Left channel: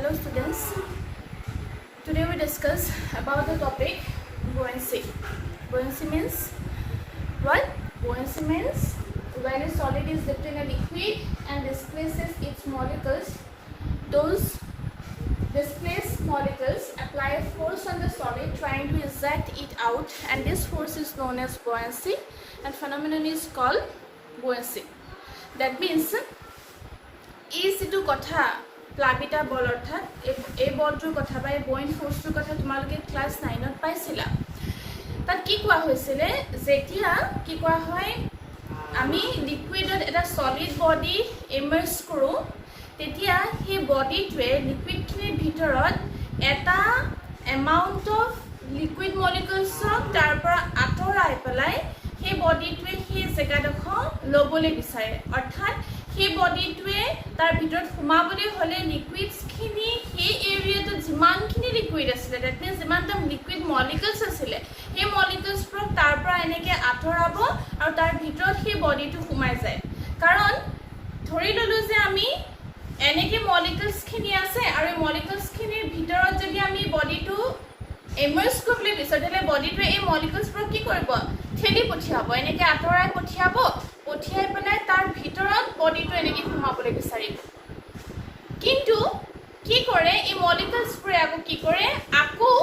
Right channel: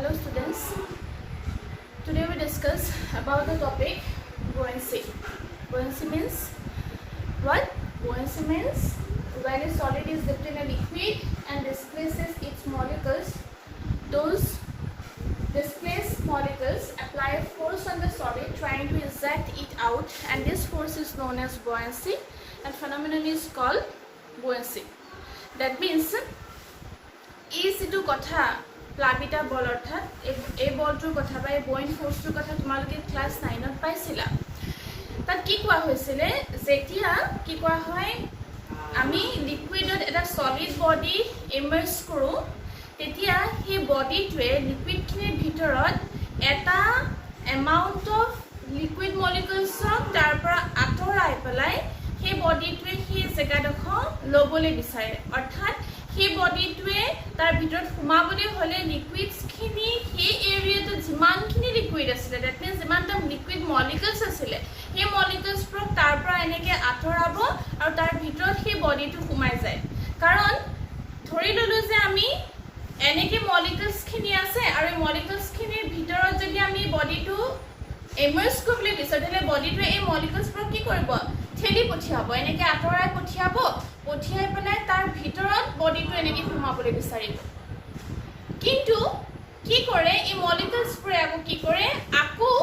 Hello students, today we discuss about the topic buoyancy. Buoyancy means what? Buoyancy means when a solid is dipped in a liquid and displaces its molecules, those displaced molecules apply a force on the solid trying to eject it out, and this force is known as buoyancy and phenomenon is called buoyancy. That means ইটো কথা প্লাবিতা বল অর্থাৎ এই বলটোৰ কথা বা এই বইন ফোৰ্সটোৰ কথা তোমালোকে ক্লাস 9 ত পাইছিলা তাত কি কোৱা হৈছিলে যেতিয়া কি কোৱা হয় আমি লিকুইডত এটা সলিড বডি ইমাৰ্জ কৰো তেতিয়া সেই বডিটোৱে লিকুইডখিনিৰ ভিতৰত এটা এমাউন্ট অফ লিকুইড মলিকুলছক তাৰ পৰা আঁতৰাই পেলাই সেই বডিটোৱে সেই জেগাডোখৰ লবলৈ বিচাৰে অৰ্থাৎ সেই বডিটোৱে তাৰ ভিতৰত সোমাবলৈ হলে লিকুইডছখিনি সেই এৰিয়াটো যিমানখিনি লিকুইড আছিল দ্যাট মিন্স যিমানটা লিকুইড মলিকুলছ আছিল সেই মলিকুলছবোৰ তাৰ পৰা এনেকৈ আঁতৰাব আৰু তাৰ ভিতৰত সেই বডিটো সোমাই যায় কাৰণ ধৰি ললো যে আমি এনেকৈ মলিকুলছখিনি আছে আৰু এই মলিকুলছখিনিৰ ভিতৰত যদি আমি বডিটো ইমাৰ্জ কৰিবলৈ বিচাৰো তেতিয়াহ'লে বডিটোৱে এই মলিকুলছবোৰ কি কৰিব ঠেলি পঠিয়াব এনেকৈ আঁতৰাই পঠিয়াব পঠিয়াই পেলাই তাৰ ভিতৰত বডিটো এনেকৈ সোমাবলৈ বিচাৰিব কিন্তু কি কৰে এই মলিকুলছবোৰে আকৌ কি কৰে আকৌ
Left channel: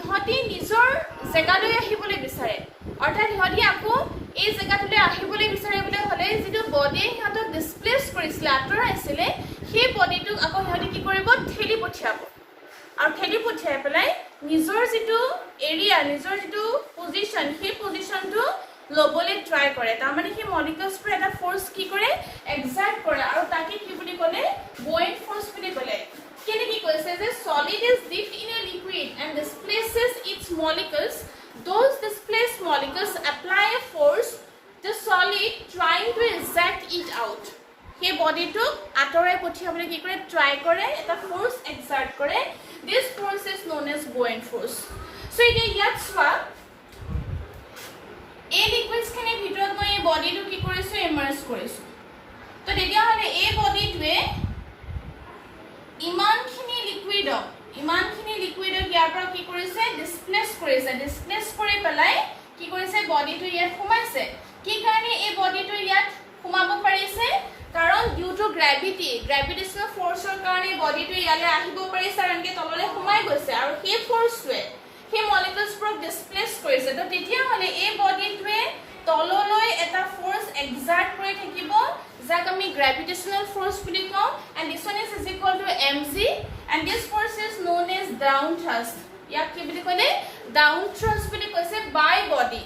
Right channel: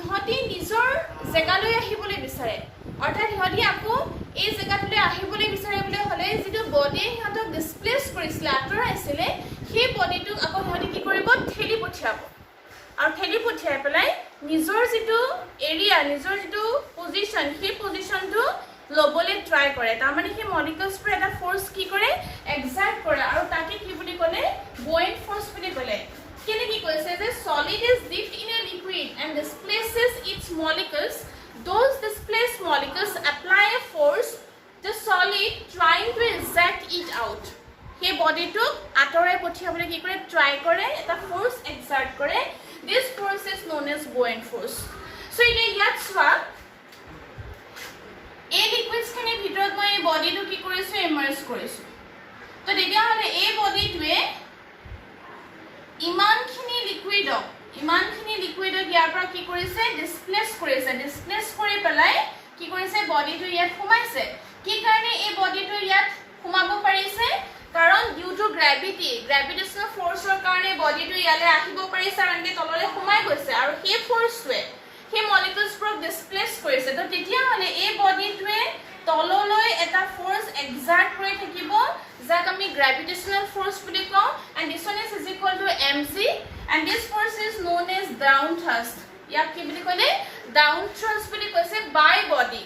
ইহঁতি নিজৰ জেগালৈ আহিবলৈ বিচাৰে অৰ্থাৎ ইহঁতি আকৌ এই জেগাটোলৈ আহিবলৈ বিচাৰিবলৈ হ'লে যিটো বডিয়ে সিহঁতক ডিছপ্লেচ কৰিছিলে আঁতৰাইছিলে সেই বডিটোক আকৌ সিহঁতি কি কৰিব ঠেলি পঠিয়াব আৰু ঠেলি পঠিয়াই পেলাই নিজৰ যিটো এৰিয়া নিজৰ যিটো পজিশ্যন সেই পজিশ্যনটো লবলৈ ট্ৰাই কৰে তাৰ মানে সেই মলিকুলছবোৰ এটা ফোৰ্স কি কৰে এক্সাৰ্ট কৰে আৰু তাকে কি বুলি ক'লে বুয়েন্ট ফোর্স বুলি ক'লে কেনে কি কৈছে যে solid is dipped in a liquid and displaces its molecules those displaced molecules apply a force the solid trying to eject it out সেই বডিটোক আঁতৰাই পঠিয়াবলৈ কি কৰে ট্ৰাই কৰে এটা ফোৰ্স এক্সাৰ্ট কৰে this force is known as buoyant force so এতিয়া ইয়াত চোৱা এই লিকুইডছখিনিৰ ভিতৰত মই এই বডিটো কি কৰিছো ইমাৰ্জ কৰিছো তো তেতিয়াহ'লে এই বডিটোৱে ইমানখিনি লিকুইডক ইয়াৰ পৰা কি কৰিছে ডিছপ্লেচ কৰি পেলাই কি কৰিছে বডিটো ইয়াত সোমাইছে কি কাৰণে এই বডিটো ইয়াত সোমাব পাৰিছে কাৰণ ডিউ টু গ্ৰেভিটেশনাল ফোৰ্সৰ কাৰণে বডিটো ইয়ালৈ আহিব পাৰিছে আৰু এনেকৈ তললৈ সোমাই গৈছে আৰু সেই ফোৰ্সটোৱে সেই মলিকুলছবোৰক ডিছপ্লেচ কৰিছে তো তেতিয়াহ'লে এই বডিটোৱে তললৈ এটা ফোৰ্স এক্সাৰ্ট কৰি থাকিব যাক আমি গ্ৰেভিটেশনাল ফোর্স বুলি কওঁ and this one is equal to mg and this force is known as down thrust ইয়াক কি বুলি ক'লে down thrust বুলি কৈছে by body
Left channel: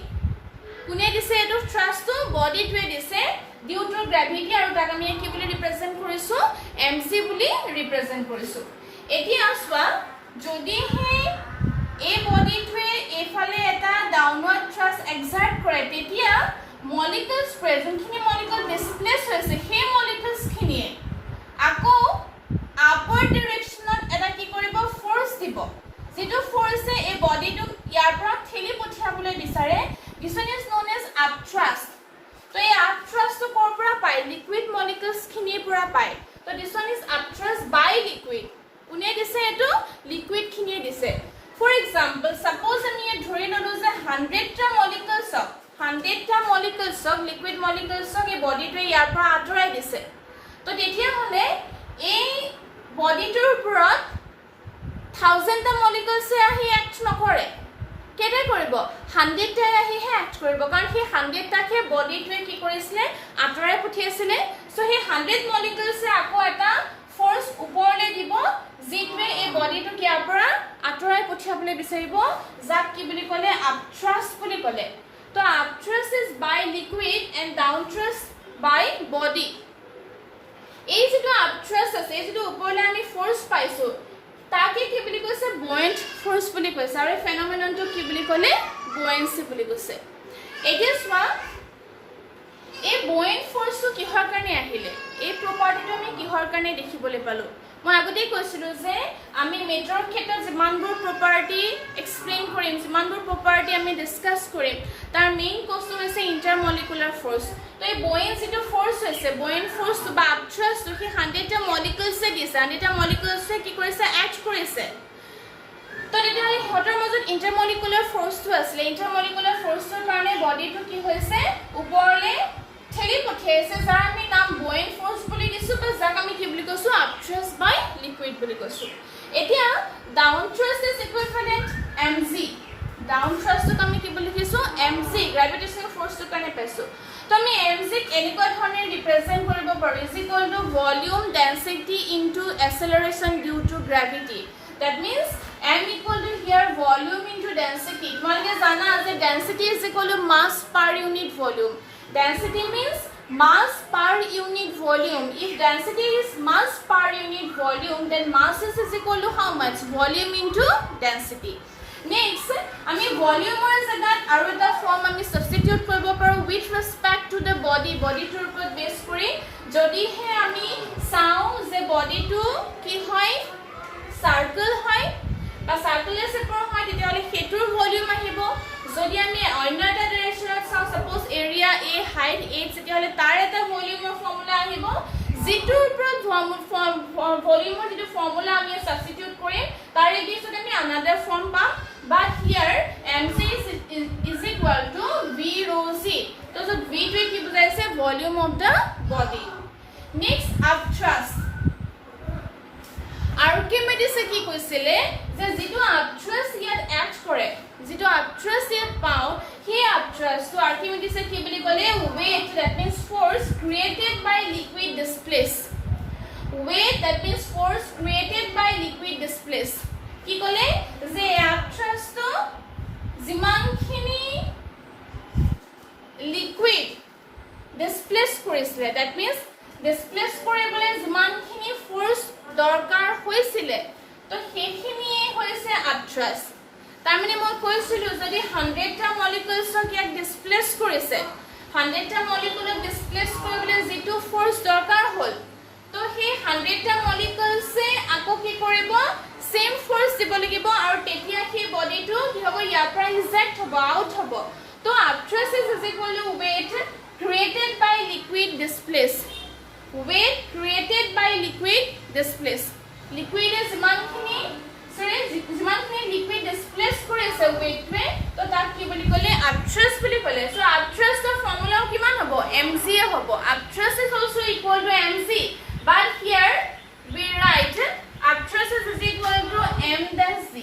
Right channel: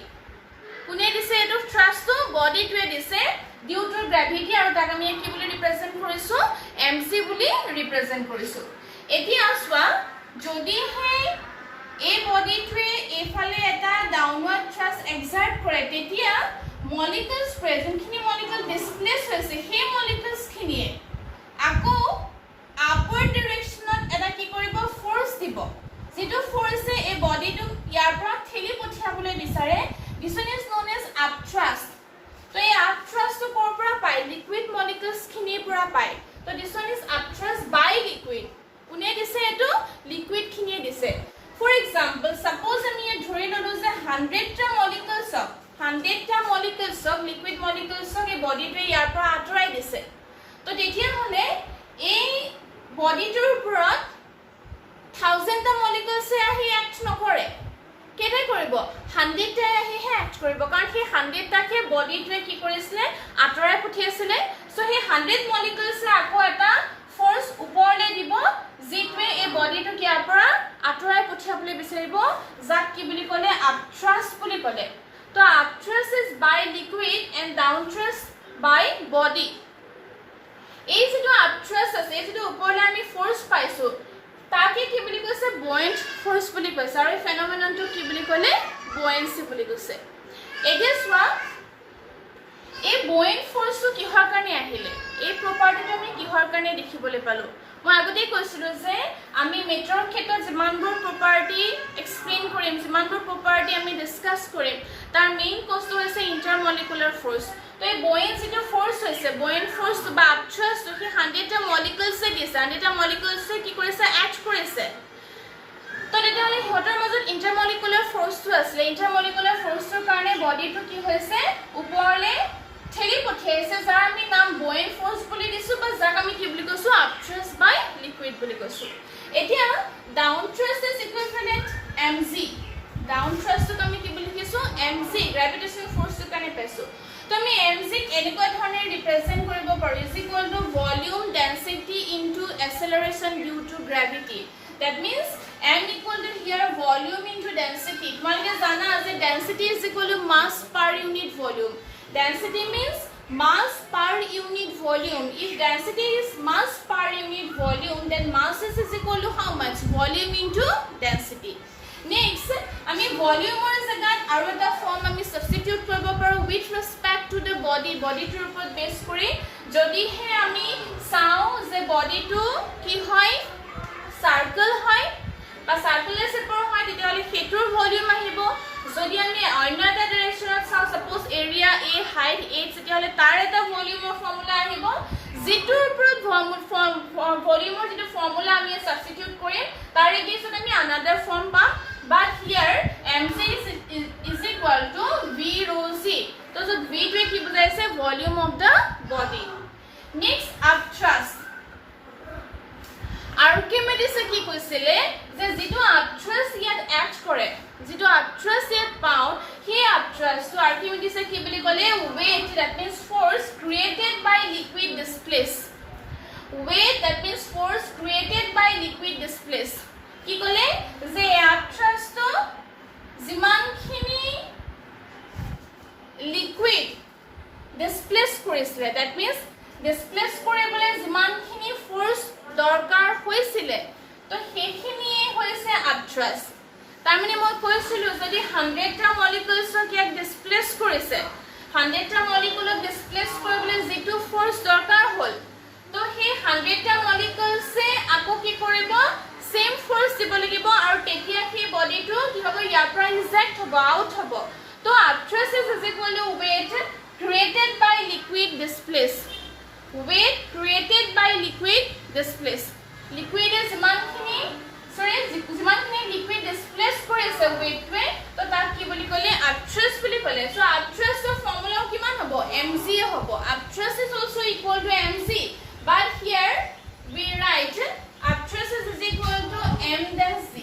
কোনে দিছে এইটো থ্ৰাষ্টটো বডিটোৱে দিছে ডিউ টু গ্ৰেভিটি আৰু তাক আমি কি বুলি ৰিপ্ৰেজেন্ট কৰিছো mc বুলি ৰিপ্ৰেজেন্ট কৰিছো এতিয়া চোৱা যদি হে এই বডিটোৱে এফালে এটা ডাউনৱাৰ্ড থ্ৰাষ্ট এক্সাৰ্ট কৰে তেতিয়া মলিকুলছ প্ৰেজেন্টখিনি মলিকুল ডিছপ্লেচ হৈছে সেই মলিকুলছখিনিয়ে আকৌ আপৱাৰ্ড ডিৰেকশ্যনত এটা কি কৰিব ফোৰ্স দিব যেটো ফোৰ্সে এই বডিটোক ইয়াৰ পৰা ঠেলি পঠিয়াবলৈ বিচাৰে this one is known as upthrust তো এই upthrust কৰ পৰা পায় লিকুইড মলিকুলছখিনিৰ পৰা পায় তো this one is upthrust by liquid কোনে দিছে এটো লিকুইডখিনিয়ে দিছে For example, suppose আমি ধৰি ললো যে 100টা molecules liquid molecules এই বডিটোৱে ইয়াৰ পৰা আঁতৰাই দিছে তো তেতিয়া হলে এই বডিটোৰ ওপৰত 1000টা molecules আহি এক্ট নকৰে কেনে কৰিব 100টা আহিহে এক্ট কৰিব কাৰণ সেই 100টাকে বডিটোৱে কি কৰিছিলে আঁতৰাই পঠিয়াইছিলে সো সেই 100 molecules আকৌ এটা ফোৰ্স ওপৰলৈ দিব যিটোৱে এই বডিটো কিয়াৰ পৰা আঁতৰাই পঠিয়াবলৈ বিচাৰিব যাক কি বুলি ক'লে আপথ্ৰাষ্ট বুলি ক'লে তো upthrust is by liquid and downthrust by body এই যিটো আপথ্ৰাষ্ট আছে এই যিটো ওপৰলৈ আমি ফোৰ্স পাইছো তাকে কি বুলি কৈছে বুয়েন্ট ফোৰ্স বুলি কৈছে আৰু এই ফেনোমেননটো কি বুলি ক'লে বুয়েন্সি বুলি কৈছে এতিয়া চোৱা এই বুয়েন্ট ফোৰ্সটো কিহৰ কাৰণে আহিলে এই প্ৰপাৰ্টিটো আমি কিহৰ কাৰণে দেখিবলৈ পালো মই আগতেই কৈছিলো যে আমি মেটাৰৰ ক্ষেত্ৰত যিমানবোৰ প্ৰপাৰ্টি এক্সপ্লেইন কৰিম যিমানবোৰ প্ৰপাৰ্টি আমি ডিসকাস কৰিম তাৰ মেইন কষ্ট হৈছে ইন্টাৰমলিকুলাৰ ফোৰ্স তো এই বুয়েন্ট যেটো ফোৰ্স হৈছে বুয়েন্ট ফোৰ্স বা আপথ্ৰাষ্ট সেই 100টা মলিকুলছে দিছে 100টা মলিকুলছে কি কৰিছে আছে তো তেতিয়াহ'লে সিহঁতৰ মাজত ইণ্টাৰমলিকুলাৰ ফ'ৰ্চটো আছিলে ইণ্টাৰমলিকুলাৰ ফ'ৰ্চটোৰ কাৰণে বডিটো কি হৈছে ওপৰলৈ ঠেলি পঠিয়াইছে যাৰ আমি নাম বুয়েণ্ট ফ'ৰ্চ বুলি দিছোঁ বা যাক আমি কি বুলি কৈছোঁ আপথ্ৰাষ্ট বাই লিকুইড বুলি কৈছোঁ এতিয়া down thrust is equivalent mg down থ্ৰাষ্টক আমি কি বুলি কৈছোঁ mg গ্ৰেভিটেশ্যনেল ফ'ৰ্চটোৰ কাৰণে পাইছোঁ তো আমি mg ক এনেকুৱা ধৰণে ৰিপ্ৰেজেণ্ট কৰিব পাৰোঁ is equal to volume density into acceleration due to gravity that means m equal to here volume into density তোমালোকে জানা যে density is equal to mass per unit volume density means mass per unit volume if density is mass per unit volume then mass is equal to how much volume into density next আমি ভলিউমৰ জায়গাত আৰু এটা form আমি substitute কৰিব পাৰোঁ with respect to the body বডিটোৰ ওপৰত বেছ কৰি যদিহে আমি চাওঁ যে বডিটো কি হয় সাৰ্কেল হয় বা সাৰ্কুলাৰ শেপৰ হয় তেতিয়াহ'লে হেতুৰ ভলিউম আহিব যদি আমি অন্য এটা ডাইৰেকশ্যনত চাওঁ suppose area a height h তেতিয়াহ'লে তাৰ এটা ভলিউমৰ ফৰ্মুলা আহিব যিটোৰ ওপৰত ভলিউমৰ যেটো ফৰ্মুলা আমি সাবস্টিটিউট কৰিম তাৰ এগেইনষ্টত আমি আনাদাৰ ফৰ্ম পাম বাট হিয়াৰ mc is equal to v rho c তো v টোৱে কি বুজাইছে volume of the body next upthrust আৰ্কিমিডিছে কি কৈছিলে যে যেটো আপথ্ৰাষ্ট ইয়াত এক্ট কৰে যেটো আপথ্ৰাষ্ট ইয়াত পাওঁ সেই আপথ্ৰাষ্টটো আৰ্কিমিডিছে কি বুলি ক'লে weight that means force created by liquid displaced weight that means force created by liquid displaced কি ক'লে যে আপথ্ৰাষ্টটো যিমানখিনি লিকুইড ডিসপ্লেস কৰিছিলে that means ডিসপ্লেস কৰিবলৈ যিমানখিনি ফোৰ্স দৰকাৰ হৈছিল তো সেইখিনিয়ে হৈছে আপথ্ৰাষ্ট তাৰমানে মই কৈছিলো যদি 100টা মলিকিউলছক ইয়াক ডিসপ্লেস কৰিছে 100টা মলিকিউলক ডিসপ্লেস কৰিবলৈ যেটো ফোৰ্স দৰকাৰ হ'ল তো সেই 100টা মলিকিউলছে আকৌ কি কৰিব সেম ফোৰ্স দিব লাগিব আৰু তেতিয়া সেই বডিটো কি হ'ব ইয়াৰ পৰা ৰিজেক্ট হ'ব আউট হ'ব তো upthrust is equal to weight created by liquid displaced weight created by liquid displaced liquid is যিমানখিনি liquid displaced কৰিছে weight ৱে তো তাক কি বুলি ক'লে আপথ্ৰাষ্ট বুলি ক'লে সো আপথ্ৰাষ্টৰ ফৰ্মুলা কিমান হ'ব mg হ'ব আপথ্ৰাষ্ট is also equal to mg but here we write upthrust is equal to m dash z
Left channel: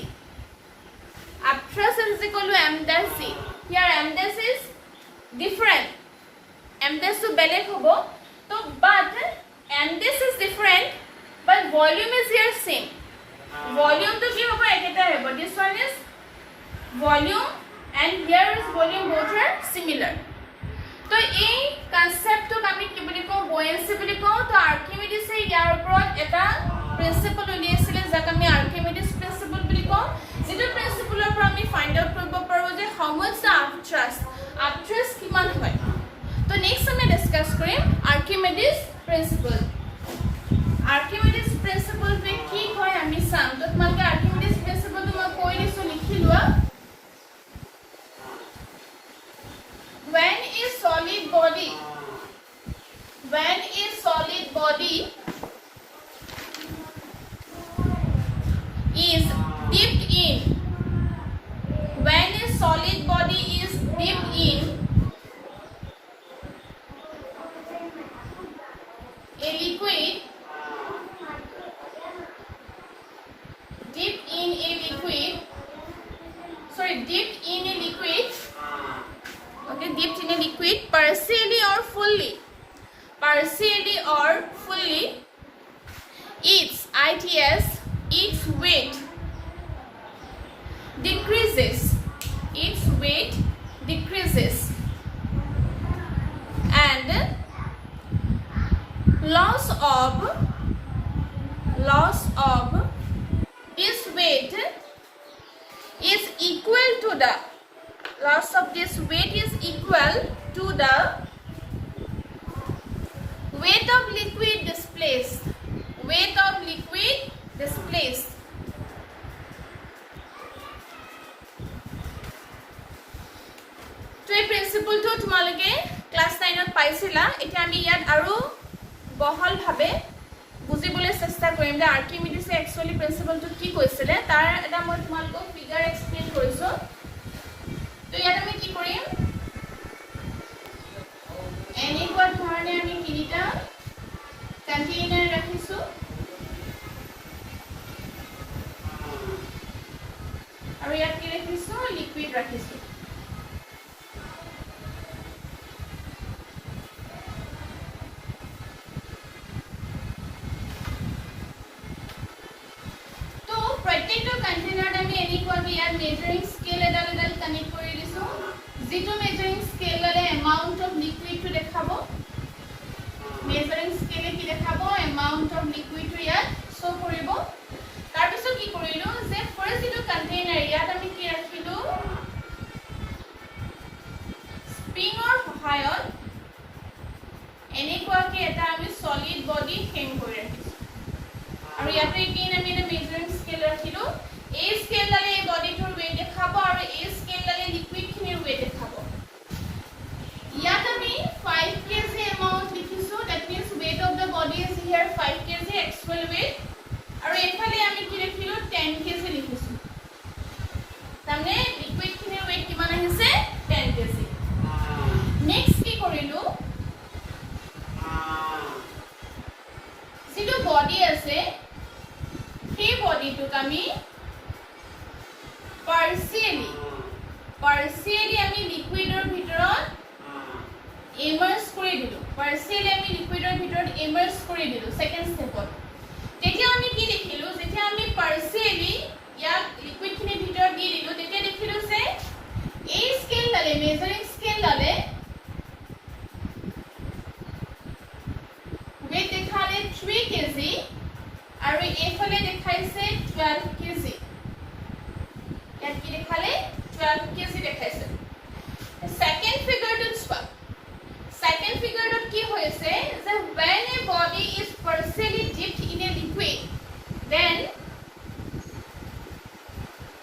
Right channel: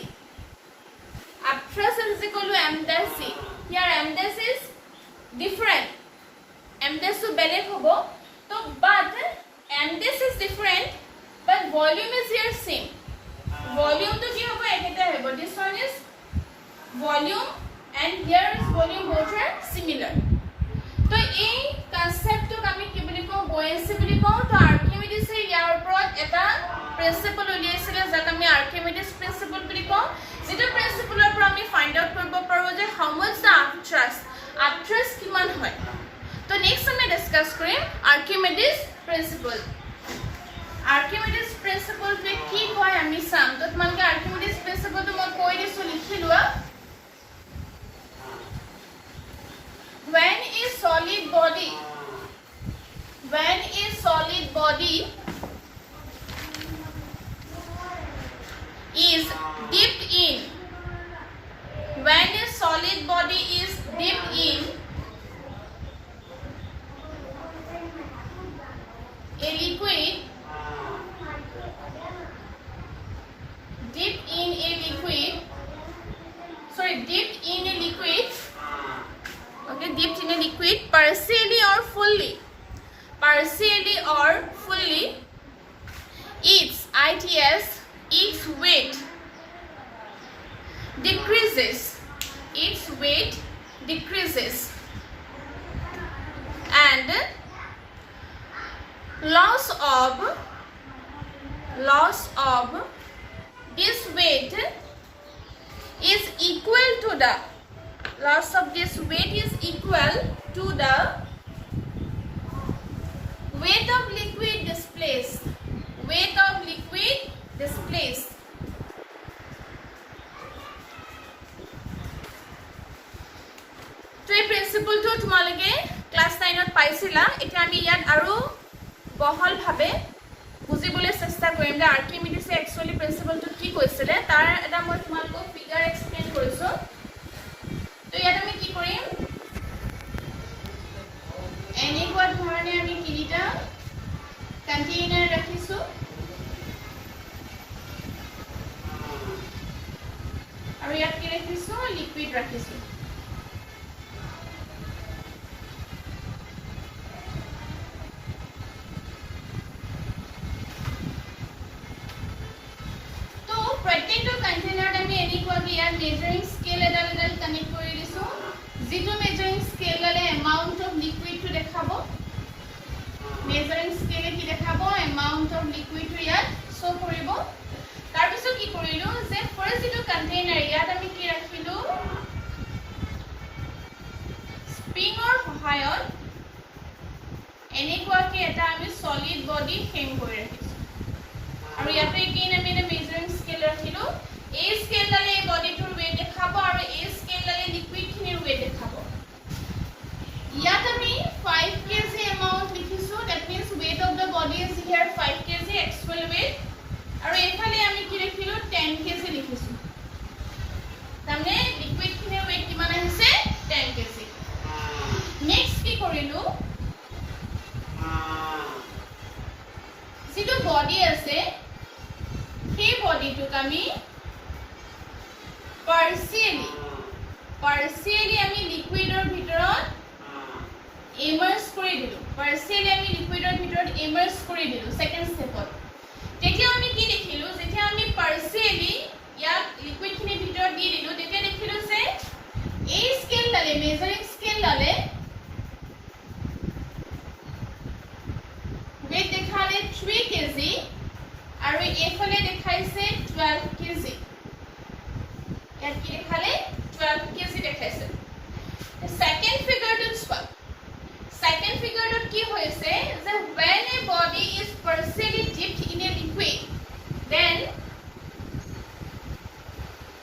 upthrust is equal to m dash z here m dash is different m dash to beleg hobo so but m dash is different but volume is here same volume to ki hobo eketa hobo this one is volume and here is volume both are similar तो এই কনসেপ্টটো আমি কি বুলি কওঁ বুয়েন্সি বুলি কওঁ তো আৰ্কিমিডিছে ইয়াৰ ওপৰত এটা প্ৰিন্সিপল উলিয়াইছিলে যাক আমি আৰ্কিমিডিছ প্ৰিন্সিপল বুলি কওঁ যেটো প্ৰিন্সিপলৰ পৰা আমি ফাইন্ড আউট কৰিব পাৰোঁ যে হাউ মাচ দা আপথ্ৰাষ্ট কিমান হয় তো নেক্সট আমি ডিসকাস কৰিম আৰ্কিমিডিছ প্ৰিন্সিপল আৰ্কিমিডিছ প্ৰিন্সিপলটো কি হয় আমি চাম তো তোমালোকে আৰ্কিমিডিছ প্ৰিন্সিপলটো মই কৈ দিছো লিখি লোৱা when a solid body is dipped in when a solid body is dipped in a liquid dipped in a liquid okay dipped in a liquid partially or fully its weight decreases and loss of this weight is equal to the loss of this weight is equal to the weight of liquid displaced তো এই প্ৰিন্সিপলটো তোমালোকে class 9 ত পাইছিলা এতিয়া আমি ইয়াত আৰু বহল ভাবে বুজিবলৈ চেষ্টা চেষ্টা কৰিম যে আৰ্কিমিডিছে একচুৱেলি প্ৰিন্সিপলটো কি কৈছিলে তাৰ এটা মই তোমালোকক ফিগাৰ এক্সপ্লেইন কৰিছো তো ইয়াত আমি কি কৰিম এনেকুৱা ধৰণে আমি তিনিটা কন্টেইনাৰ ৰাখিছো আৰু ইয়াত কি ৰাখিছো লিকুইড ৰাখিছো measuring scale edal connect kori disu jitu measuring scale wale amount of liquid to dekhabo measuring scale ki dekhabo amount of liquid to yat show koribo tar piso ki korilu je first jitu container yat ami ki rakhilu spring or hohayot enekwa ki eta ami solid body hang kori rakhisu aru yape again ami eta measuring scale rakhilu A scale dale body to weight dekhabo aru A scale dale liquid khinir weight dekhabo yat ami 5 kg amount likhisu that means weight of the body is here 5 kg actual weight aru ephale ami ki rakhilu 10 kg likhisu tamne liquid khinir weight kiman ahise 10 kg next ki korilu jitu body ase সেই body to kami partially আমি লিকুইডৰ ভিতৰত ইমাৰ্স কৰি দিলো partially আমি লিকুইডৰ ভিতৰত ইমাৰ্স কৰি দিলো second স্টেপত তেতিয়া আমি কি দেখিলো যেতিয়া আমি partially ইয়াত লিকুইড খিনি ভিতৰত দি দিলো তেতিয়া দেখিলো যে এই স্কেল ডালে মেজাৰিং স্কেল ডালে weight দেখালে 3 kg আৰু এইফালে দেখাইছে 12 kg that ki dekhale 12 kg dekhaise second figure dot swap second figure dot ki hoise যে when a body is partially dipped in a liquid then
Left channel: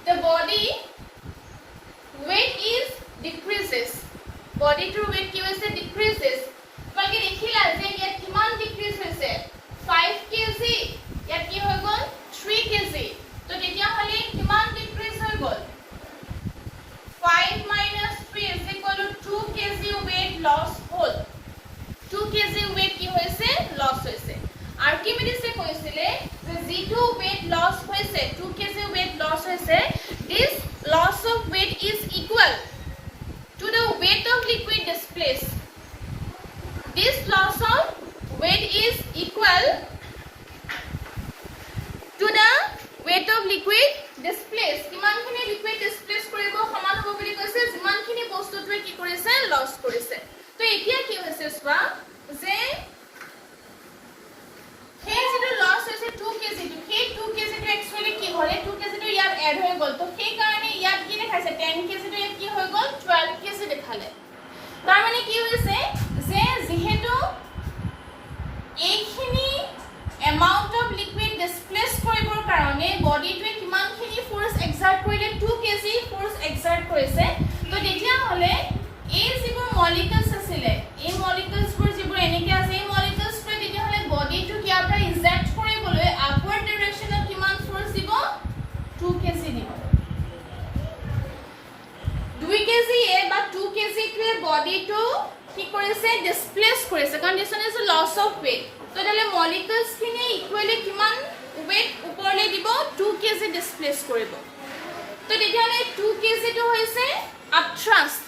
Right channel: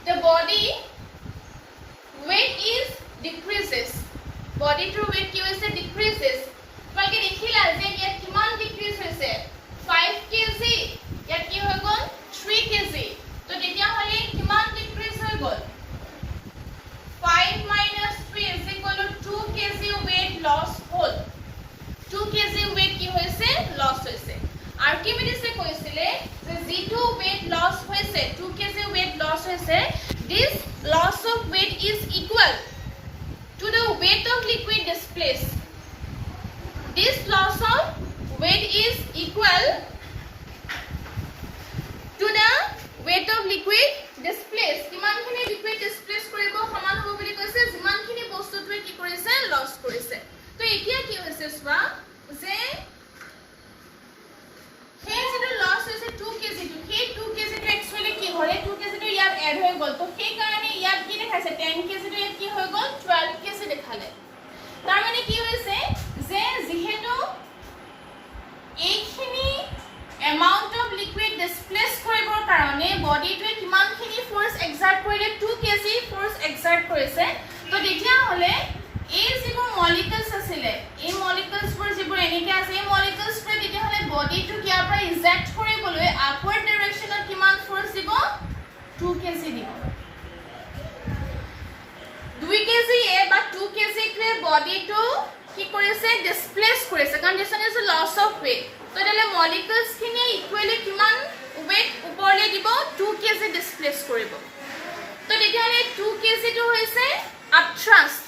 the body weight is decreases body to weight ki hoise decreases balki dekhila je yat kiman decrease hoise 5 kg yat ki hoy gol 3 kg to tetia hole kiman decrease hoy gol 5 minus 3 is equal to 2 kg weight loss whole 2 kg weight ki hoise loss hoise archimedes e koisile je g2 weight loss hoise 2 kg weight loss hoise this loss of weight is equal to the weight of liquid displaced this loss of weight is equal to the weight of liquid displaced kiman khini liquid displace koribo saman hobo boli koise jiman khini bostu tue ki korise loss korise to etia ki hoise swa je he jitu loss hoise 2 kg to he 2 kg to actually ki hole 2 kg to yar add hoy gol to he karone yar ki dekhaise 10 kg to yar ki hoy gol 12 kg dekhale tar mane ki hoise je jehetu এইখিনি amount of liquid displace koribor karone body to kiman khini force exert korile 2 kg force exert korise to dekhia hole ei jibo molecules asile ei molecules pur jibo enike ase ei molecules pur dekhia hole body to kiar par exert koriboloi upward direction of kiman force dibo 2 kg dibo 2 kg e ba 2 kg ke body to কি কৰিছে displace কৰিছে condition is loss of weight তো এলে molecules খিনি equally কিমান weight ওপৰলে দিব 2 kg displace কৰিব তো দেখালে 2 kg তো হৈছে আপথ্ৰাষ্ট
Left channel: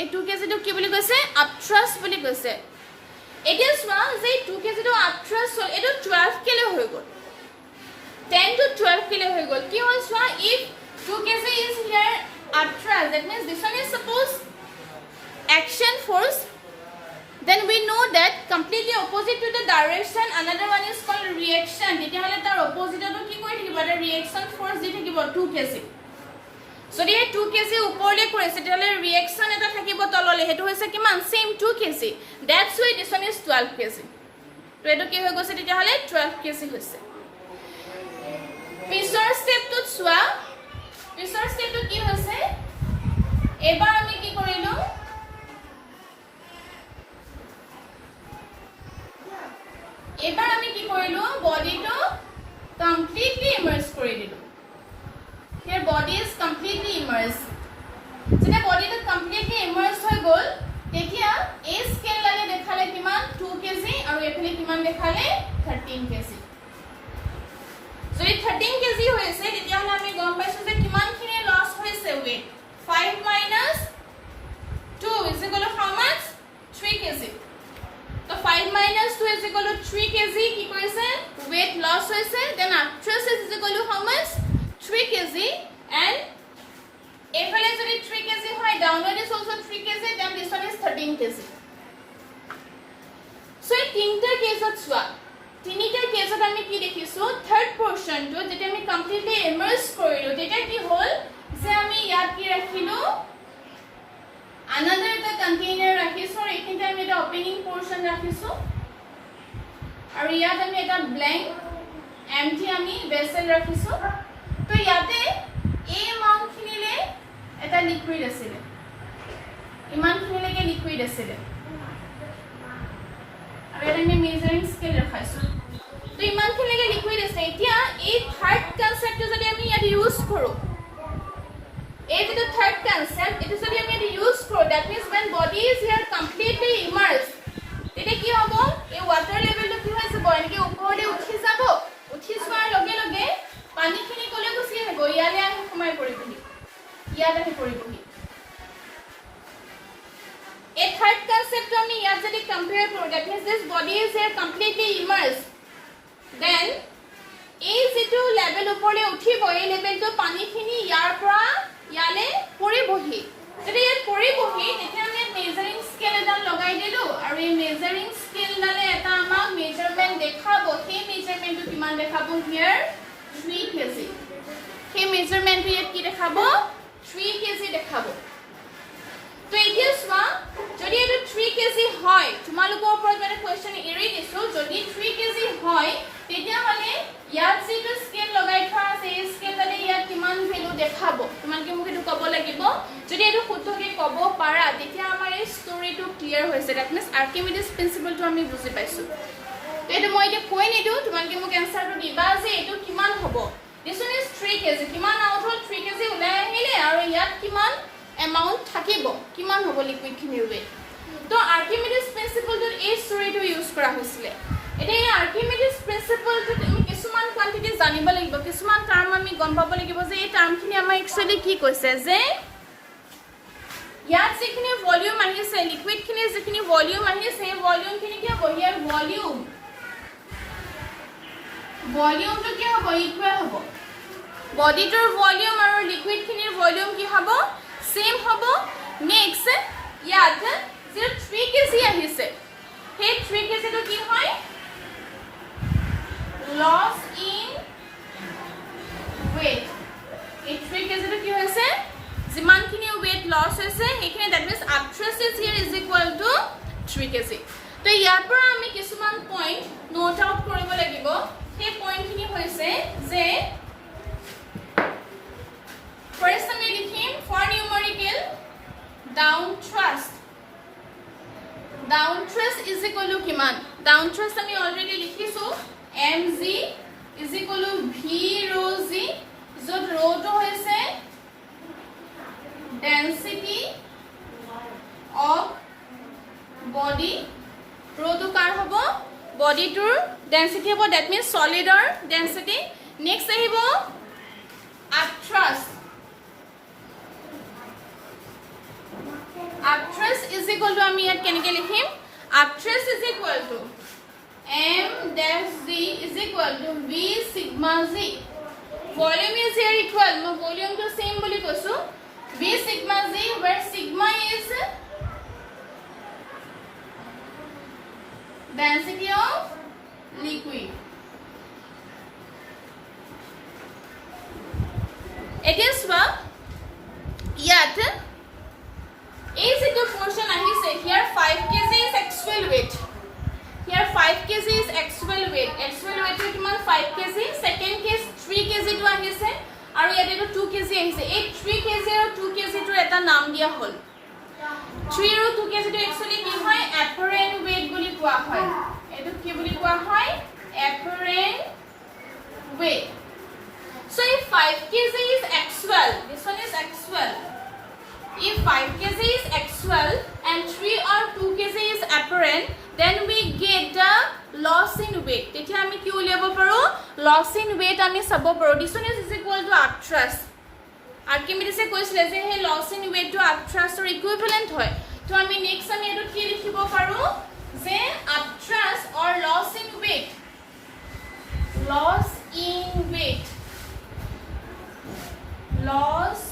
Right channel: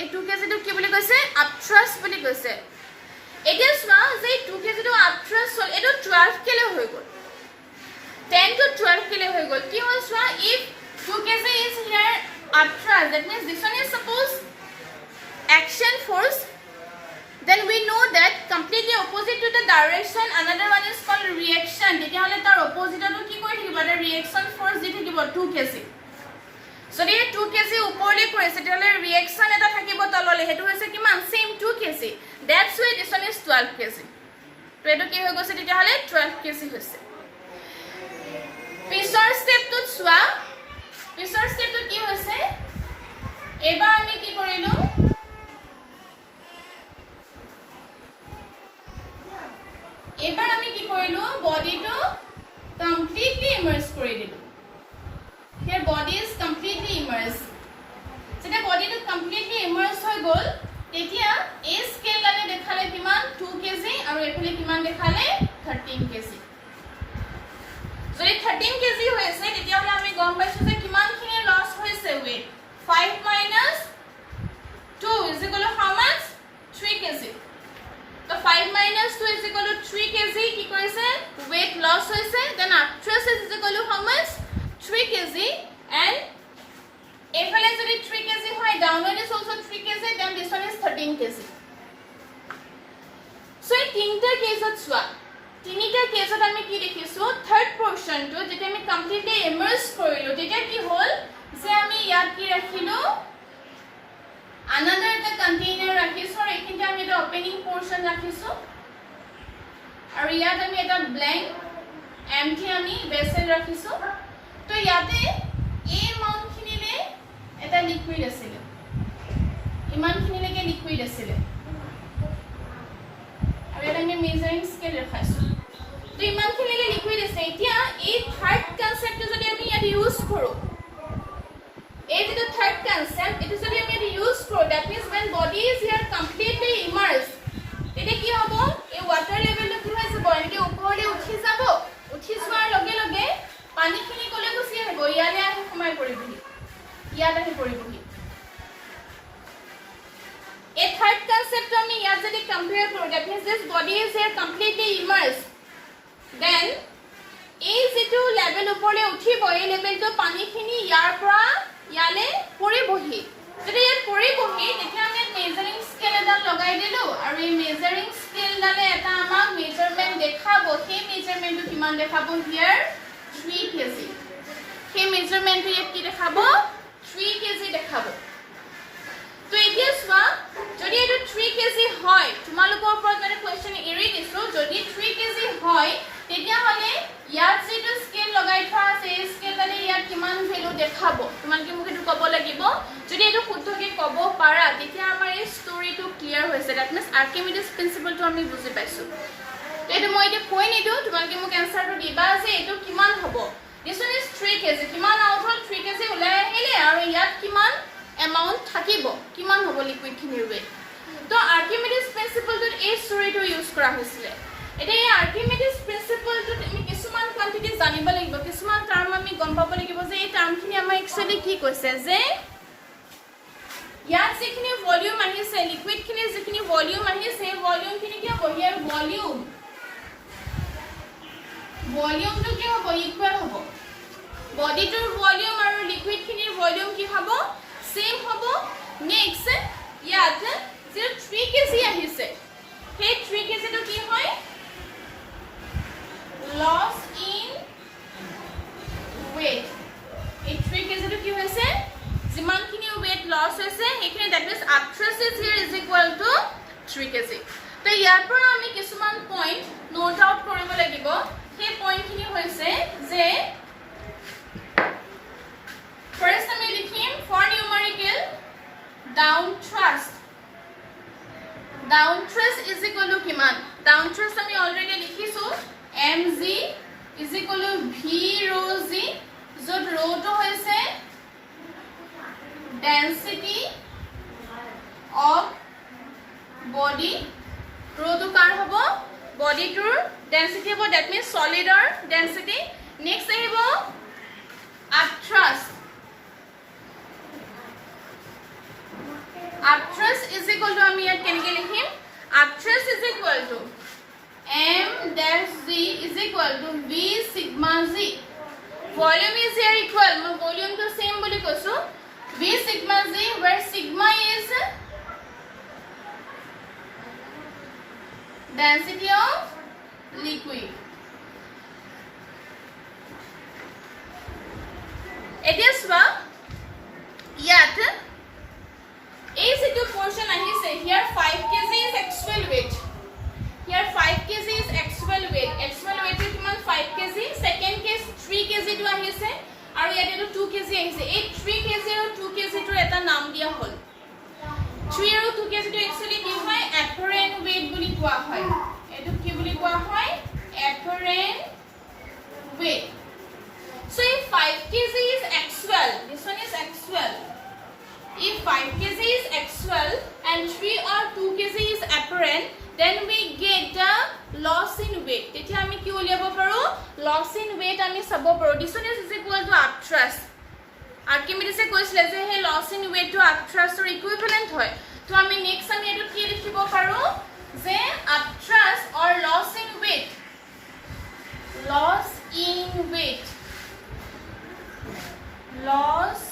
এই 2 kg তো কি বুলি কৈছে আপথ্ৰাষ্ট বুলি কৈছে এতিয়া চোৱা যে 2 kg তো আপথ্ৰাষ্ট হ'ল এটো 12 kg হৈ গ'ল 10 to 12 kg হৈ গ'ল কি হ'ল চোৱা if 2 kg is here upthrust that means this one is suppose action force then we know that completely opposite to the direction another one is called reaction detia hole tar opposite to ki kori thikiba the reaction force di thikiba 2 kg so the 2 kg uporle korise tele reaction eta thakibo tolole hetu hoise kiman same 2 kg that's why this one is 12 kg to eto ki hoy gose detia hole 12 kg hoise pisor step to swa pisor step to ki hoise ebar ami ki korilu এবাৰ আমি কি কৰিলো body to body is completely immersed. যেতিয়া বডিটো completely emerge হৈ গ'ল তেতিয়া এই স্কেল ডালে দেখালে কিমান 2 কেজি আৰু এফালে কিমান দেখালে 13 কেজি যদি 13 কেজি হৈছে তেতিয়া হলে আমি গম পাইছো যে কিমানখিনি লছ হৈছে weight 5 minus 2 is equal to how much 3 KG তো 5 minus 2 is equal to 3 KG কি কৰিছে weight loss হৈছে then actress is equal to how much 3 KG and এফালে যদি 3 কেজি হয় downward is also 3 KG then this one is 13 KG so এই তিনটা কেছত চোৱা তিনিটা কেছত আমি কি দেখিছো থাৰ্ড পোৰশনটো যেটা আমি কমপ্লিটলি ইমাৰ্জ কৰিলো তেতিয়া কি হ'ল যে আমি ইয়াত কি ৰাখিলো another the container ৰাখিছো আৰু এখিনতে আমি এটা ওপেনিং পোৰশন ৰাখিছো আৰু ইয়াত আমি এটা blank empty আমি vessel ৰাখিছো তো ইয়াতে এই মাউন্টখিনিলে এটা লিকুইড আছিল ইমানখিনিলৈকে লিকুইড আছিল আৰু এটা আমি মেজাৰিং স্কেল ৰাখাইছো তো ইমানখিনিলৈকে লিকুইড আছে এতিয়া এই থাৰ্ড কনসেপ্টটো যদি আমি ইয়াত ইউজ কৰো এই যে থাৰ্ড কনসেপ্ট এটা যদি আমি ইয়াত ইউজ কৰো that means when body is here completely immersed তেতিয়া কি হ'ব এই ওয়াটাৰ লেভেলটো কি হৈ যাব এনেকৈ ওপৰলৈ উঠি যাব উঠি যোৱাৰ লগে লগে পানীখিনি কলে গুচি আহিব ইয়ালে আহি সোমাই পৰিবহি ইয়াত আহি পৰিবহি এই থাৰ্ড কনসেপ্ট আমি ইয়াত যদি কম্পেয়াৰ কৰো that means this body is here completely immersed then এই যেটো লেভেল ওপৰলৈ উঠিব এই লেভেলটো পানীখিনি ইয়াৰ পৰা ইয়ালে পৰিবহি যদি ইয়াত পৰিবহি তেতিয়া আমি মেজাৰিং স্কেল এডাল লগাই দিলো আৰু এই মেজাৰিং স্কেল ডালে এটা আমাক মেজাৰমেন্ট দেখাব সেই মেজাৰমেন্টটো কিমান দেখাব হিয়াৰ 3 কেজি সেই মেজাৰমেন্টটো ইয়াত কি দেখাব 3 কেজি দেখাব তো এতিয়া চোৱা যদি এটা 3 কেজি হয় তোমালোকৰ ওপৰত মানে কোৱেশ্চন এৰি দিছো যদি 3 কেজি হয় তেতিয়া হলে ইয়াত যেটো স্কেল লগাই থোৱা আছে এই স্কেললে ইয়াত কিমান ভ্যালু দেখাব তোমালোকে মোক এটো ক'ব লাগিব যদি এটো শুদ্ধকে ক'ব পাৰা তেতিয়া আমাৰ এই ষ্টৰীটো ক্লিয়াৰ হৈছে দ্যাট মিন্স আৰ্কিমিডিজ প্ৰিন্সিপলটো আমি বুজি পাইছো এটো মই এতিয়া কৈ নিদো তোমালোকে মোক এনসাৰটো দিবা যে এটো কিমান হ'ব this one is 3 কেজি কিমান আউট হল 3 কেজি ওলাই আহিলে আৰু ইয়াত কিমান এমাউন্ট থাকিব কিমান হ'ব লিকুইড খিনিৰ weight তো আৰ্কিমিডিজ প্ৰিন্সিপলটো এই ষ্টৰীটো ইউজ কৰা হৈছিল এটা এই আৰ্কিমিডিজ প্ৰিন্সিপলটো আমি কিছুমান কোৱান্টিটি জানিব লাগিব কিছুমান টাৰ্ম আমি গম পাব লাগিব যে এই টাৰ্মখিনি আমাৰ একচুয়ালি কি কৈছে যে ইয়াত যিখিনি ভলিউম আহিছে লিকুইড খিনি যিখিনি ভলিউম আহিছে সেই ভলিউম খিনি কি হ'ব ইয়াৰ ভলিউমটো কি হ'ব ইকুৱেল হ'ব বডিটোৰ ভলিউম আৰু লিকুইড খিনিৰ ভলিউম কি হ'ব সেম হ'ব নেক্সট ইয়াত যে 3 কেজি আহিছে সেই 3 কেজিটো কি হয় loss in weight এই 3 কেজিটো কি হৈছে যিমানখিনি weight loss হৈছে সেইখিনি that means actress is here is equal to 3 KG তো ইয়াৰ পৰা আমি কিছুমান পইণ্ট নোট আউট কৰিব লাগিব সেই পইণ্টখিনি হৈছে যে ফাৰ্স্ট আমি লিখিম for numerical down thrust is equal to কিমান down thrust আমি অলৰেডি লিখিছো mg is equal to v rho g যত rho to হৈছে density of body rho to কাৰ হ'ব body tour density হ'ব that means solid or density next আহিব actress is equal to আমি ইয়াত কেনেকৈ লিখিম actress is equal to m dash z is equal to v sigma z volume is here equal মই volume to same বুলি কৈছো v sigma z where sigma is density of liquid এতিয়া চোৱা ইয়াত এই যেটো পোৰশন আহিছে here 5 kg is actual weight here 5 kg is actual weight কিমান 5 kg second case 3 kg to আহিছে আৰু ইয়াতে 2 kg আহিছে এই 3 kg আৰু 2 kg ৰ এটা নাম দিয়া হ'ল 3 আৰু 2 kg টো actually কি হয় apparent weight বুলি কোৱা হয় এটো কি বুলি কোৱা হয় apparent weight so if 5 kg is actual actual. This one is actual. If 5 kg is actual and 3 or 2 kg is apparent, then we get the loss in weight. তেতিয়া আমি কি উলিয়াব পাৰো? Loss in weight আমি চাব পাৰো. This one is equal to upthrust. আৰ্কিমিডিছে কৈছিলে যে হে loss in weight to upthrust or equivalent হয়. তো আমি নেক্সট আমি এটো কি লিখিব পাৰো যে upthrust or loss in weight. Loss in weight. Loss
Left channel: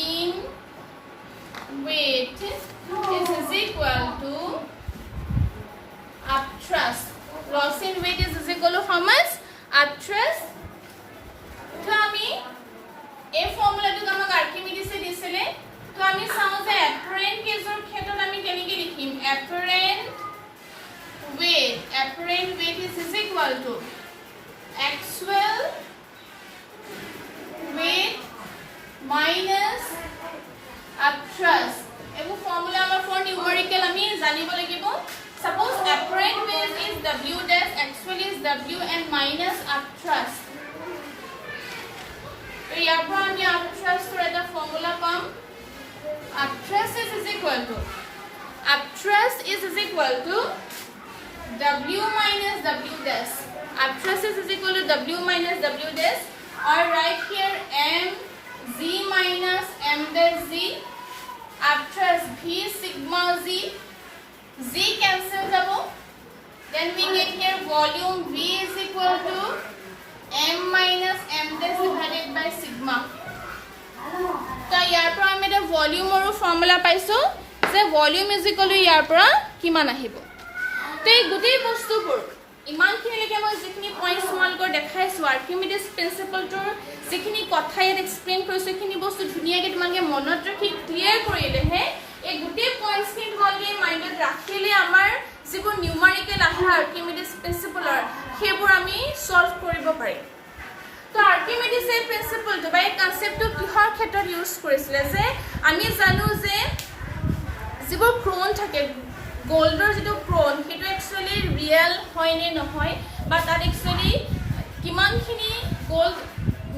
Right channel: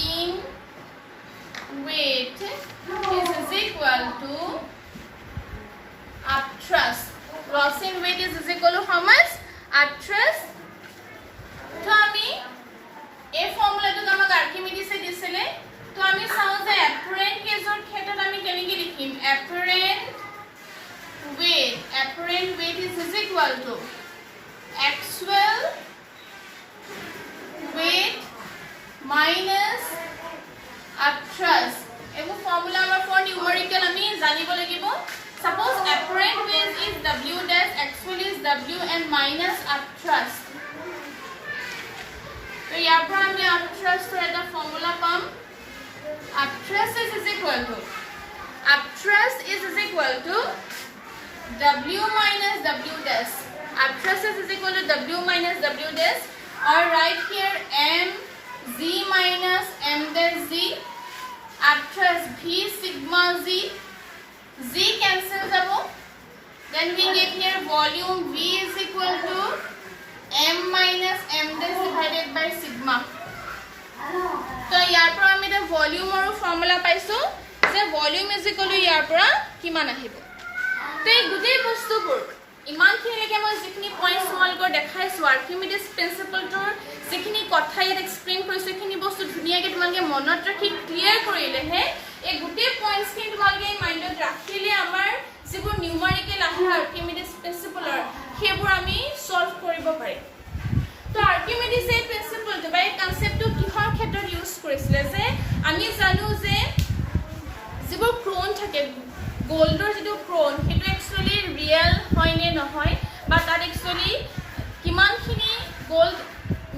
in weight is equal to upthrust. Loss in weight is equal to how much? Upthrust. So আমি এই ফর্মুলাটো আমাক আর্কিমিডিসে দিছিলে তো আমি চাও যে অ্যাপারেন্ট কেজৰ ক্ষেত্ৰত আমি কেনেকৈ লিখিম apparent weight is equal to actual weight minus upthrust. এগো ফর্মুলা আমাৰ ফৰ নিউমেৰিকেল আমি জানিব লাগিব suppose apparent weight is w dash actual is w and minus upthrust. তো ইয়াৰ পৰা আমি upthrust ৰ এটা ফৰ্মুলা পাম upthrust is equal to w minus w dash. Upthrust is equal to w minus w dash or right here m z minus m dash z. Upthrust v sigma z. Z cancels out. Then we get here volume v is equal to m minus m dash divided by sigma. So ইয়াৰ পৰা আমি এটা ভলিউমৰ formula পাইছো যে volume is equal two ইয়াৰ পৰা কিমান আহিব তো এই গোটেই বস্তুবোৰ ইমানখিনিলৈকে মই যিখিনি পইণ্টছ তোমালোকৰ দেখাইছো আৰ্কিমিডিছ প্ৰিন্সিপলটোৰ যিখিনি কথা ইয়াত এক্সপ্লেইন কৰিছো সেইখিনি বস্তু ধুনীয়াকৈ তোমালোকে মনত ৰাখি ক্লিয়াৰ কৰিলেহে এই গোটেই পইণ্টছখিনি তোমালোকে মাইণ্ডত ৰাখিলে আমাৰ যিবোৰ নিউমাৰিকেল আহে আৰ্কিমিডিছ প্ৰিন্সিপলৰ সেইবোৰ আমি সলভ কৰিব পাৰিম তো আৰ্কিমিডিছ এই প্ৰিন্সিপলটো বা এই কনচেপ্টটো কিহৰ ক্ষেত্ৰত ইউজ কৰিছিলে যে আমি জানো যে যিবোৰ ক্ৰোন থাকে গোল্ডৰ যেটো ক্ৰোন হেটো একচুয়ালি ৰিয়েল হয় নে নহয় বা তাত একচুয়ালি কিমানখিনি গোল্ড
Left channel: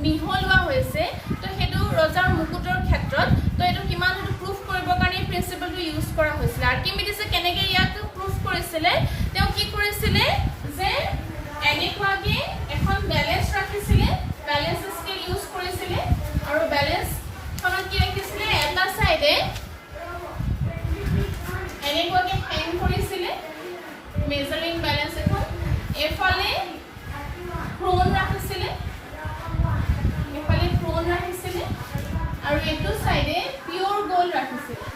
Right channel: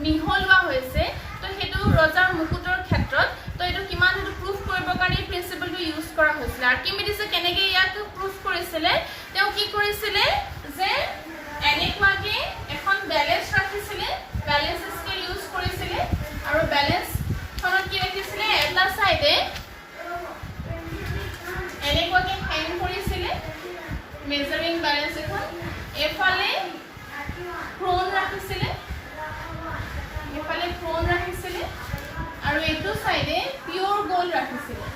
মিহলোৱা হৈছে তো হেটো ৰজাৰ মুকুটৰ ক্ষেত্ৰত তো এটো কিমান হেটো প্ৰুফ কৰিবৰ কাৰণে প্ৰিন্সিপলটো ইউজ কৰা হৈছিল আৰ্কিমিডিছে কেনেকৈ ইয়াক প্ৰুফ কৰিছিলে তেওঁ কি কৰিছিলে যে এনেকুৱাকে এখন ব্যালেন্স ৰাখিছিলে ব্যালেন্স স্কেল ইউজ কৰিছিলে আৰু ব্যালেন্স খনত কি ৰাখিছিলে এটা সাইডে এনেকুৱাকে হ্যাং কৰিছিলে মেজাৰিং ব্যালেন্স এখন এফালে ক্ৰোন ৰাখিছিলে আৰু এটো সাইডে পিওৰ গোল্ড ৰাখিছিলে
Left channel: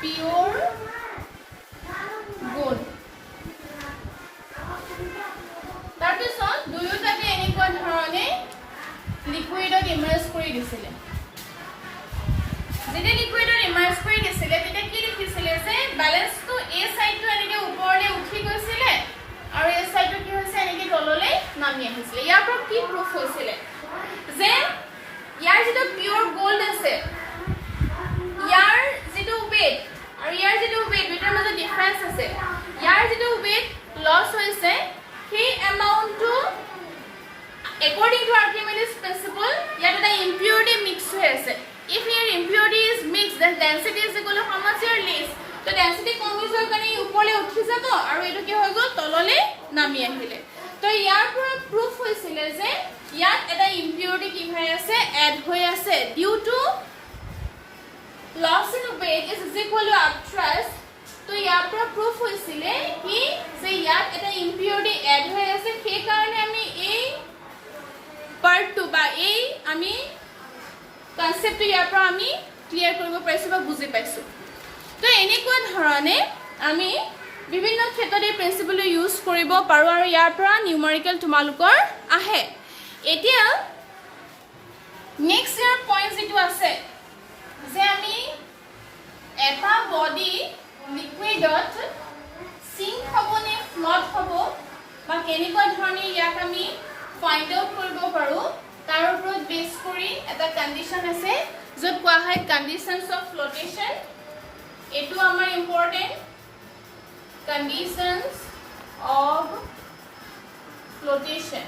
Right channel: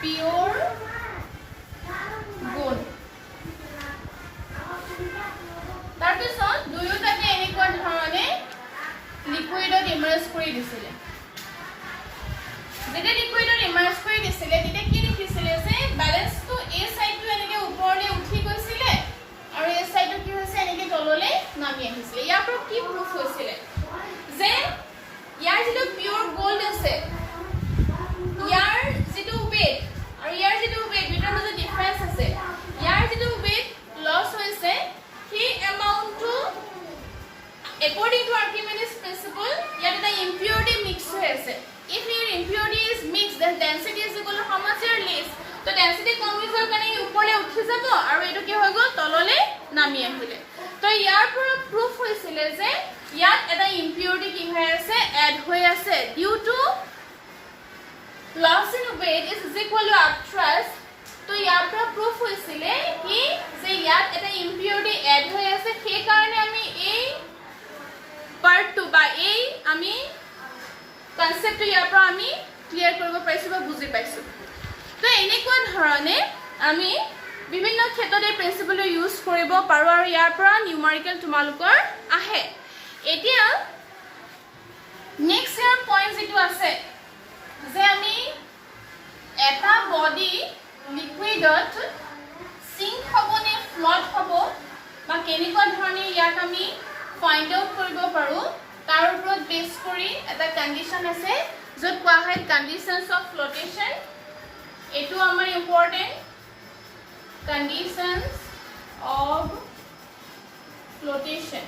পিওৰ গোল্ড তাৰপিছত দুয়োটাকে এনেকুৱা ধৰণে লিকুইডত ইমাৰ্জ কৰি দিছিলে যেতিয়া লিকুইডত ইমাৰ্জ কৰি দিছিলে তেতিয়া কি লিখিছিলে যে ব্যালেন্সটো এই সাইডটো এনেকৈ ওপৰলৈ উঠি গৈছিলে আৰু এই সাইডটো কি হৈছে এনেকৈ তললৈ নামি আহিছিলে ইয়াৰ পৰা কি প্ৰুফ হৈছিলে যে ইয়াৰ যেটো পিওৰ গোল্ড আছে ইয়াৰ যেটো ওয়েট আৰু ইয়াৰ যেটো ওয়েট দুটাৰ মাজত ডিফাৰেন্স আছে ইয়াৰ যেটো ওয়েট লস হৈছে সেই এমাউন্টটো according to Archimedes principle yet the impurity mixed হৈ আছে if your impurity is mixed then density is equal to how much your less তো density কম হোৱাৰ কাৰণে ওপৰলৈ উঠি যাব আৰু এটো কি হৈ গ'ল তললৈ নামি আহিলে তো ইয়াৰ পৰা প্ৰুফ হৈছিলে যে ইয়াত এটা impurity কি হৈ আছে এড হৈ আছে due to loss in weight is equal to upthrust তো ইয়াৰ পৰা প্ৰুফ হৈছিলে কি যে ইয়াত এটা impurity এড হৈ আছে সেই কাৰণে আমি এই পাৰ্ট 2 বা এই আমি কনসেপ্টটো ইয়াৰ পৰা আমি ক্লিয়াৰ কৰিব পাৰিছো বা বুজি পাইছো তো এনেকুৱা ধৰণে আমি বিভিন্ন ক্ষেত্ৰত এই প্ৰিন্সিপলটো ইউজ কৰিব পাৰো আৰু ইয়াৰ পৰা নিউমেৰিকেল তোমালোকৰ আহে এতিয়া নেক্সট ইয়াৰ পইণ্ট যেটো আছে যে আমি এটা বডি লিকুইডত সিঙ্ক হ'ব নে ফ্লট হ'ব বা কেনেকুৱা ধৰণে ইয়াক আমি ফাইন্ড আউট কৰিব পাৰো তাৰ ওপৰত বেস কৰি এটা কন্ডিশন আছে যত কোৱা হয় কন্ডিশনস অফ ফ্লোটেশন এটো আমাৰ important conditions of flotation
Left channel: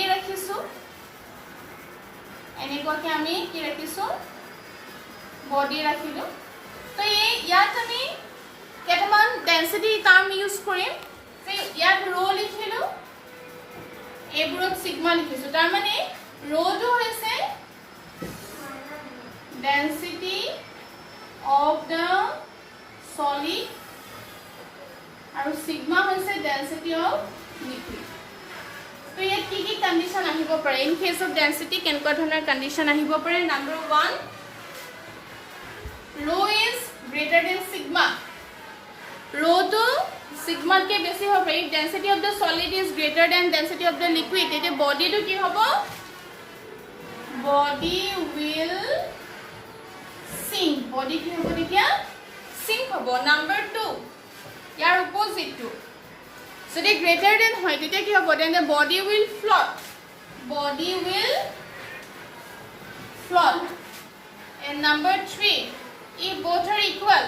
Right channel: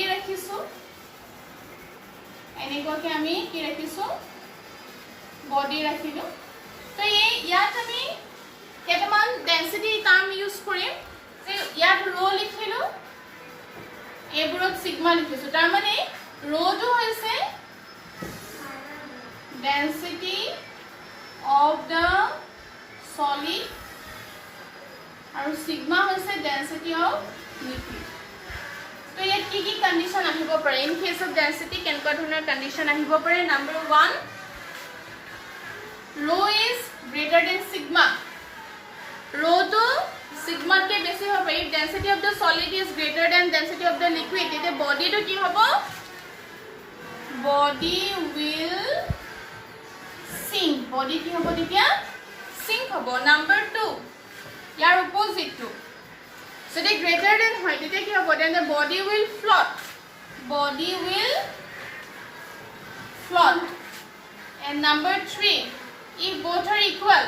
body rakhisu enekwa ke ami ki rakhisu body rakhilu to ei yat ami ketaman density term use korim so yat rho likhilu eburot sigma likhisu tar mane rho to hoise density of the solid and sigma hoise density of liquid so yet ki condition ahibo pare in case of density kenka dhonar condition ahibo pare number 1 rho is greater than sigma rho to sigma ke besi hobe if density of the solid is greater than density of the liquid ete body to ki hobo body will sink body ki hobo dikia sink hobo number 2 yar opposite to so the greater than hoy ete ki hobo then the body will float and number 3 if both are equal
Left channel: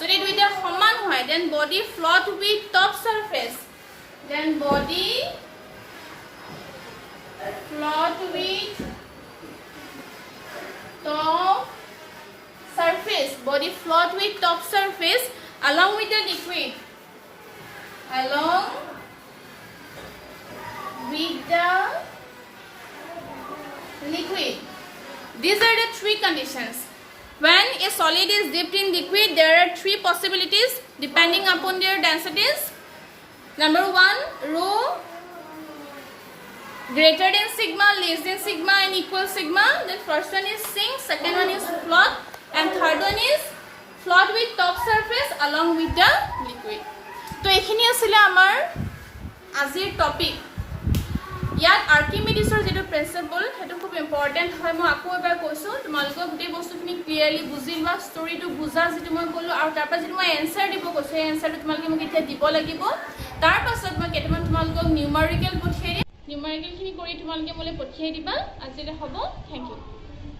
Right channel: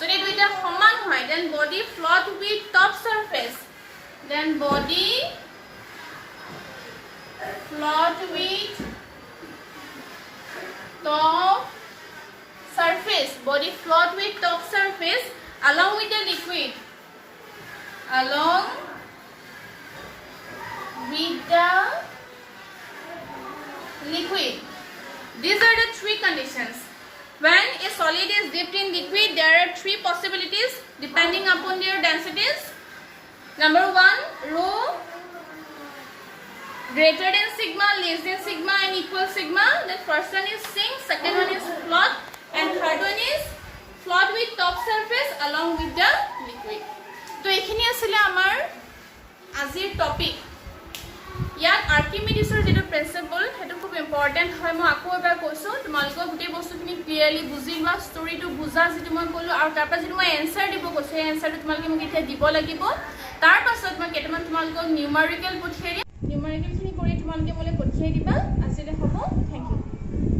so the duita saman hoy then body float with top surface then body float with top surface body float with top surface along with the liquid these are the three conditions when a solid is dipped in liquid there are three possibilities depending upon their densities number 1 rho greater than sigma less than sigma and equal sigma then first one is sink second one is float and third one is float with top surface along with the liquid to ekhini asile amar azir topic yat archimedes or jeto principle hetu khub important hoy mo ako ebar koisu tumalko guti bostu kini clearly bujilwa story to bujal jeti moi kolu aru tar pa jeti moi answer dibo koisu answer to tumalke mo ketia dibo lagibo tar pasot moi ketaman tumalko numerical potheri numerical khini kori tumalke mole pothei diba asile hobo thank you